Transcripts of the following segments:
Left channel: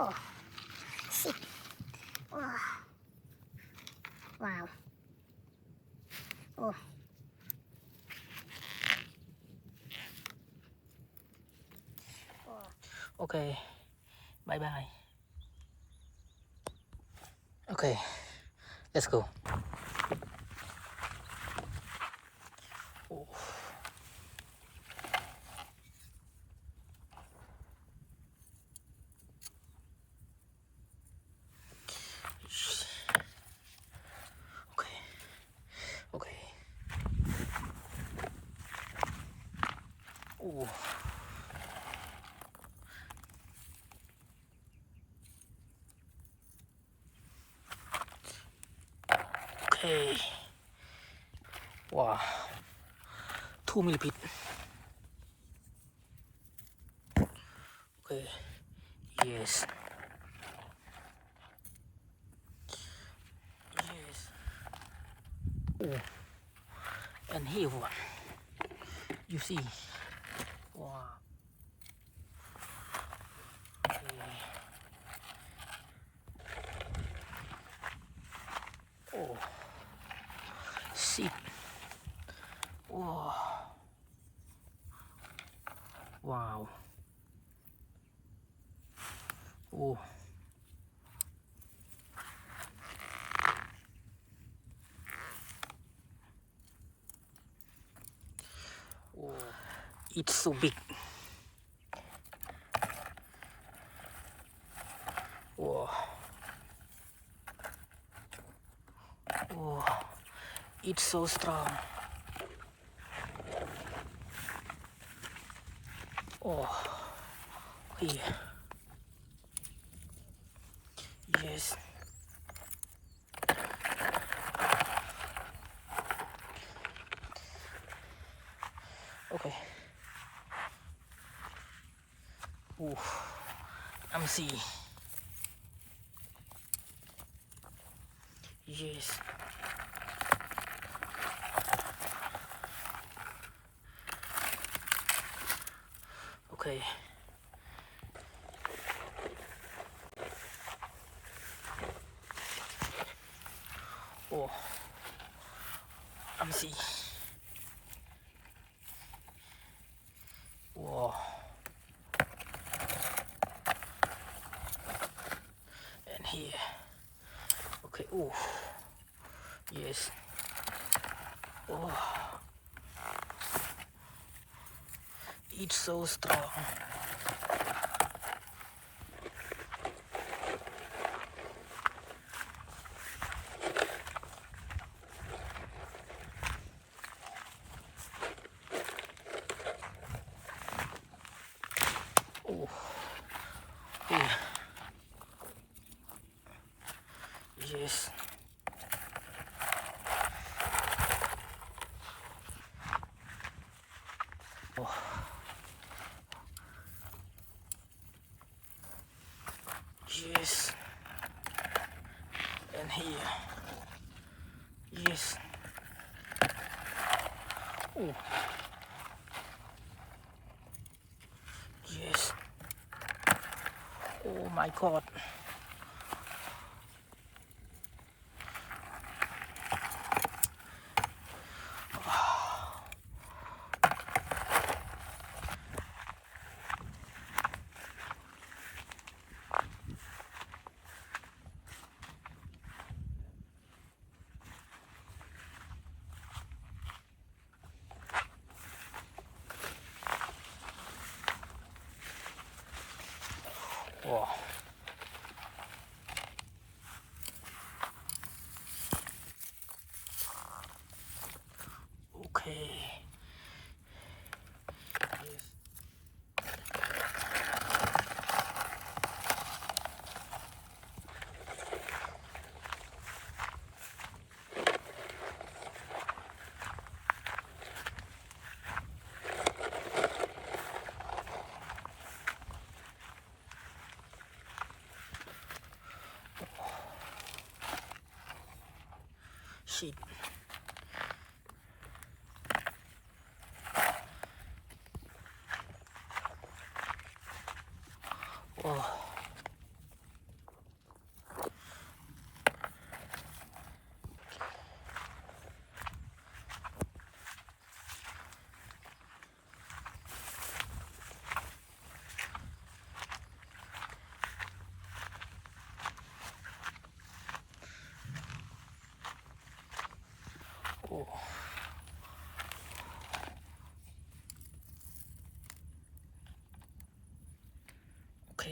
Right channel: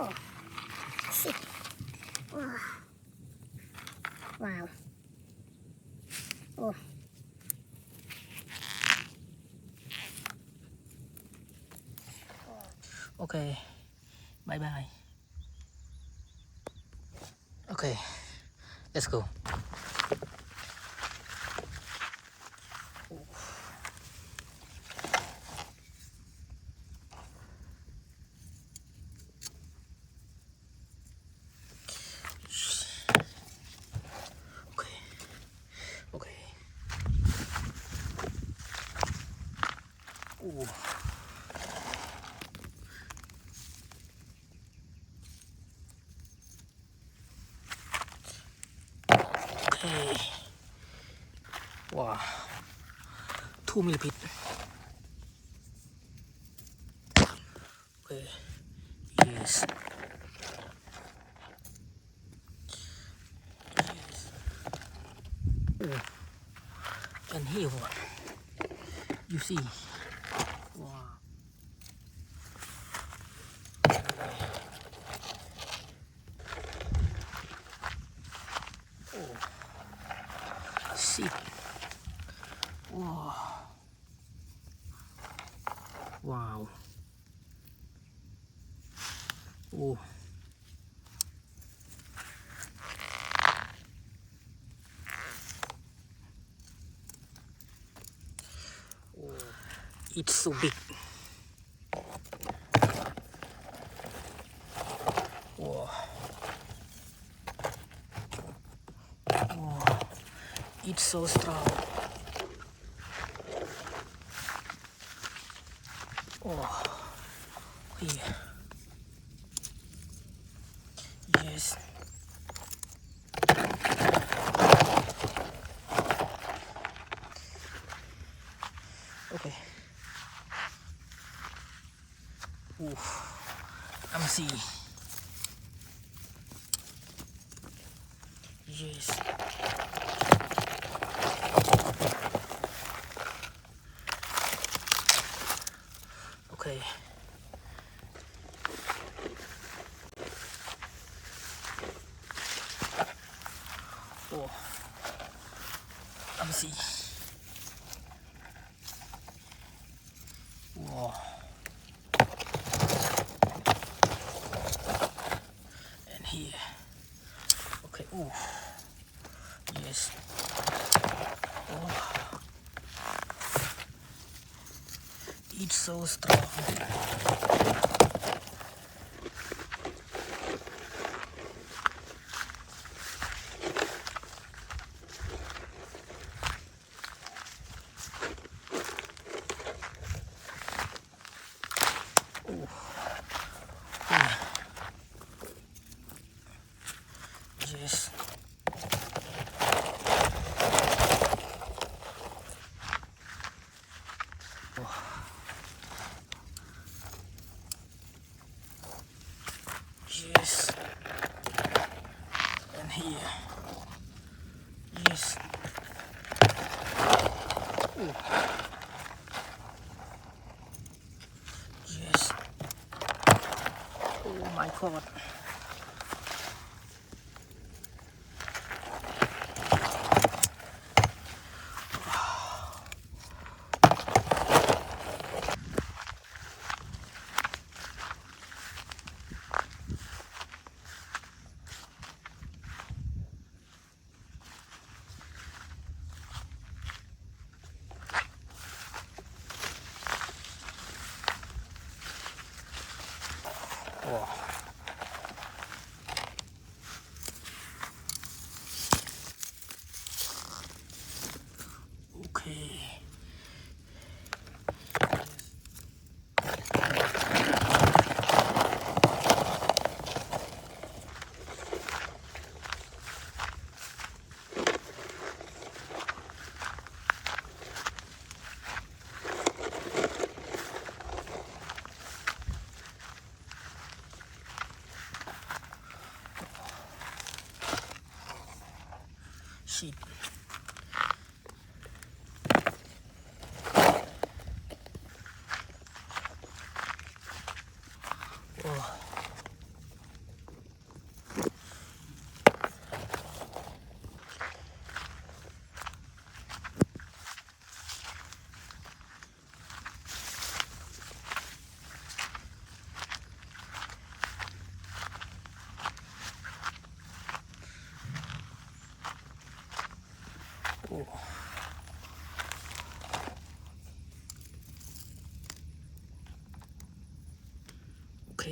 Oh, shit. Oh. Wow. Oh. Okay, bye bye. Okay, let's go. Oh. Okay, okay. Oh. Okay. Wow. 2 millipit. Okay. Yes. Yes. Oh. And here one. You see. Wow. Oh. See. Wow. Wow. Oh. Oh. It's so big. Wow. Wow. It's so strong. Oh. Here. Yes. Okay. Ooh. I'm see. Yes. Okay. Oh. I'm see. Wow. And here. Okay. Oh. Yes. Oh. It's so strong. Oh. Here. Yes. Oh. Yes. And here. Yes. Oh. Yes. Oh my God. Oh. Okay. Shit. Oh.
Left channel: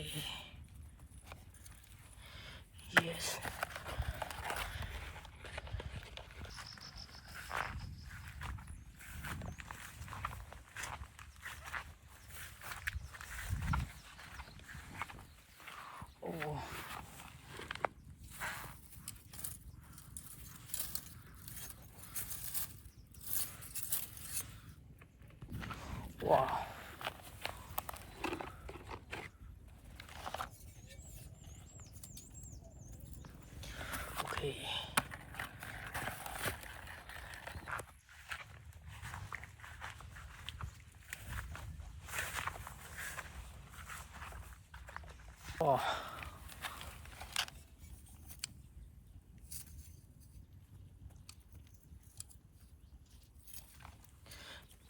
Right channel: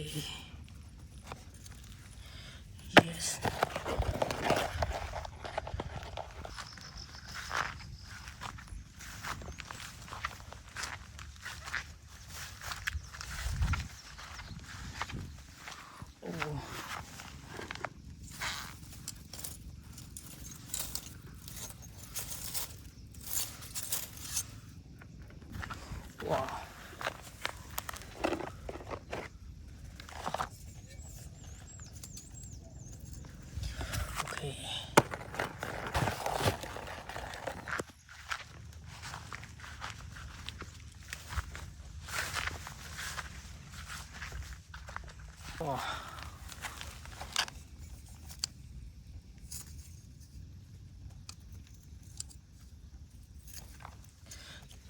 Okay. Yes. Oh. Wow. Okay. Oh.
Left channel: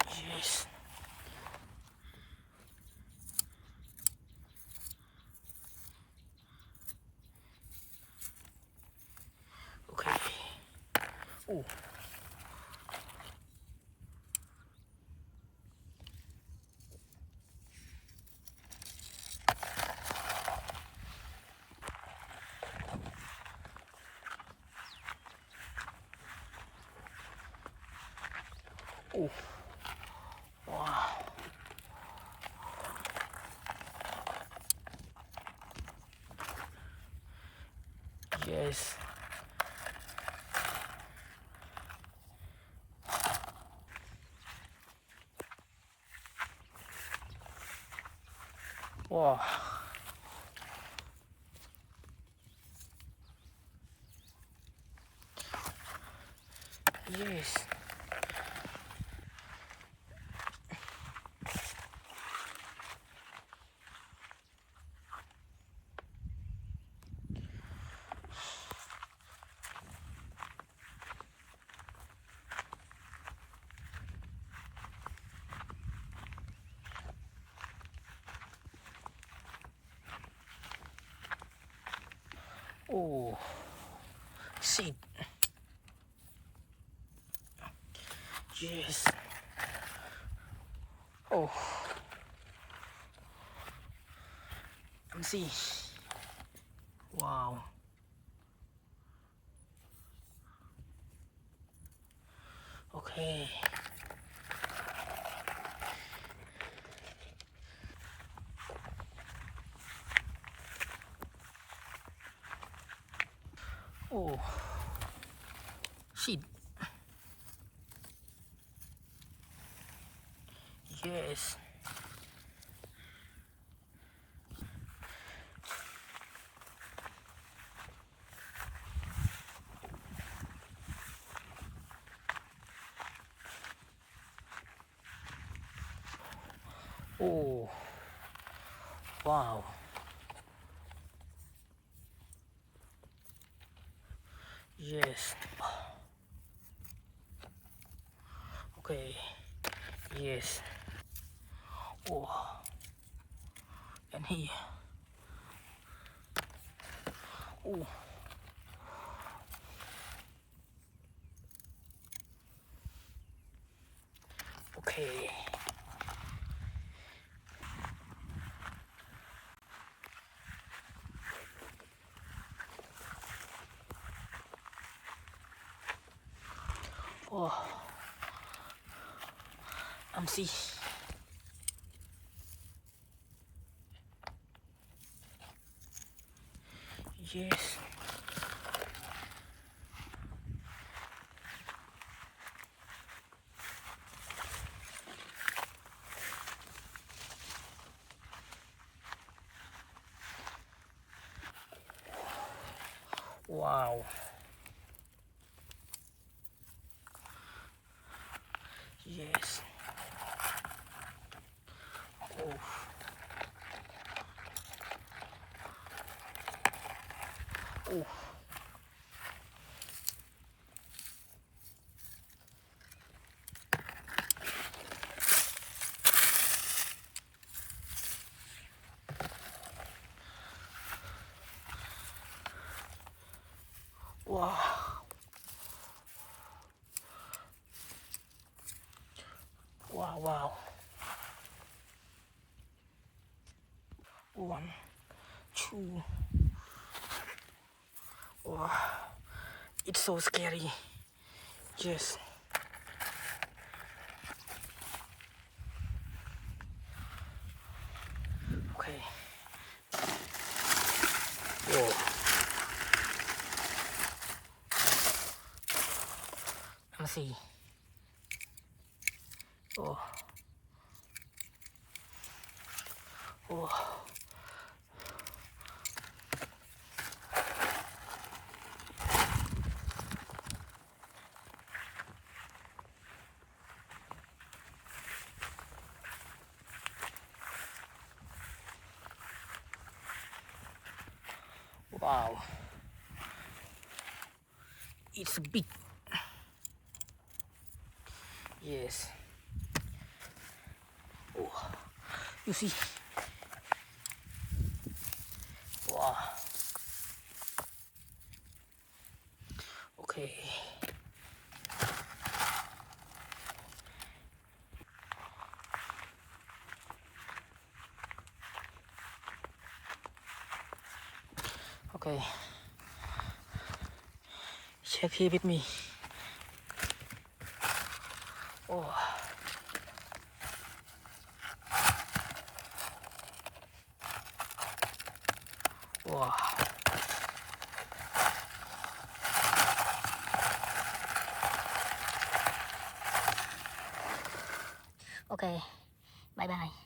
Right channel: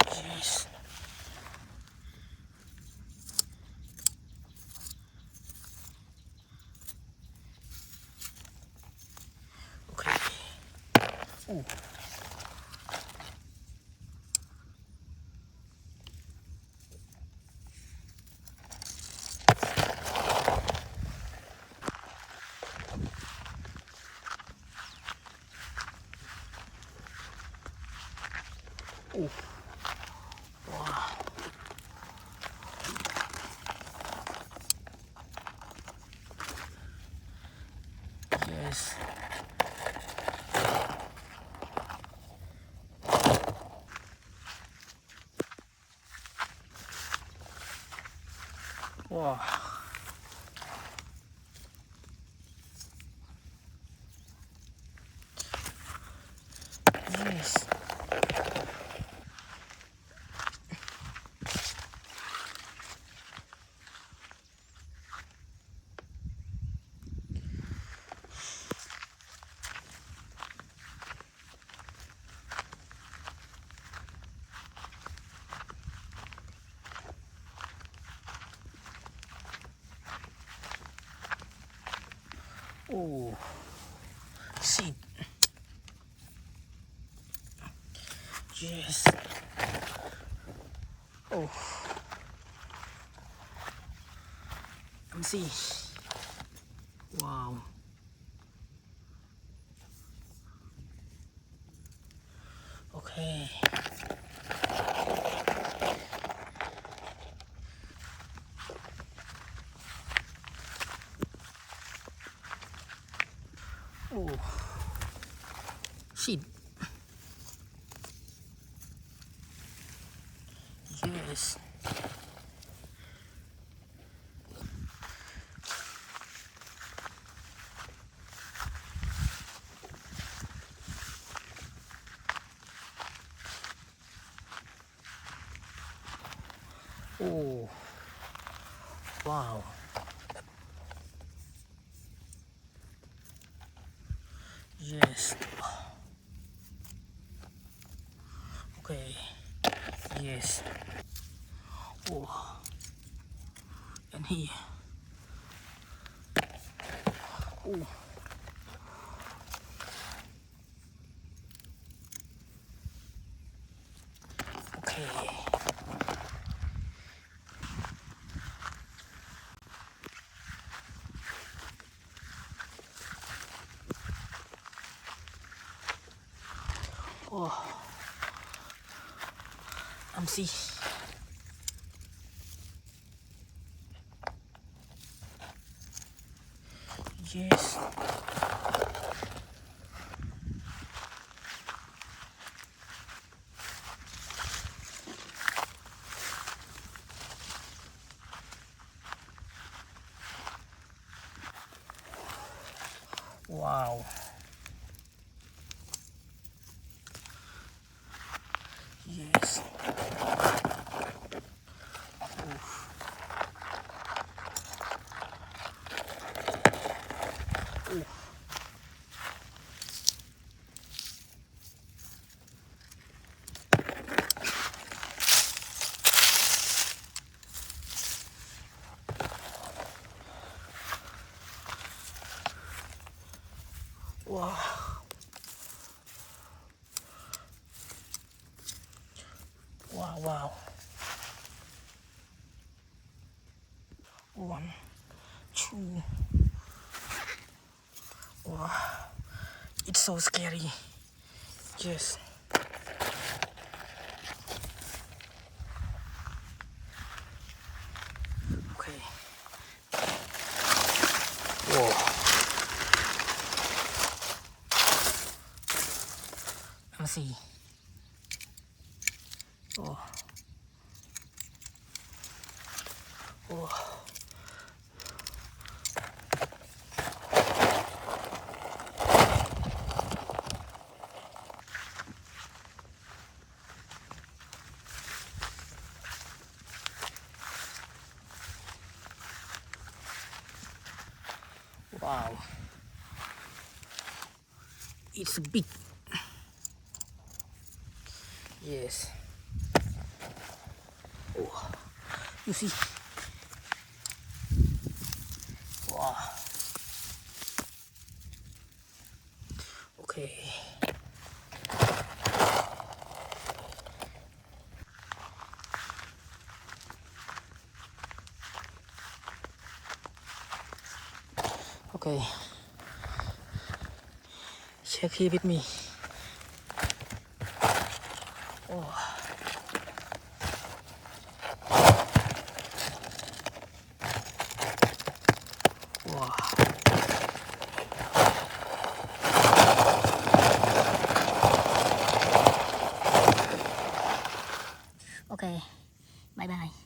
Yes. Okay. Oh. Oh. Wow. Yes. Wow. Yes. Oh. Seed. Yes. Oh. Let me see. Wow. Okay. Oh. Seed. Yes. Oh. Wow. Yes. Okay. Yes. Oh. And here. Oh. Okay. Oh. See. Yes. Wow. Yes. Oh. Oh. Wow. Wow. Wow. One. Wow. It's so scary. Yes. Okay. Whoa. Let me see. Oh. Oh. Wow. It's big. Yes. Oh. You see? Wow. Okay. Okay. Check here with me. Oh. Wow. Okay. Bye bye.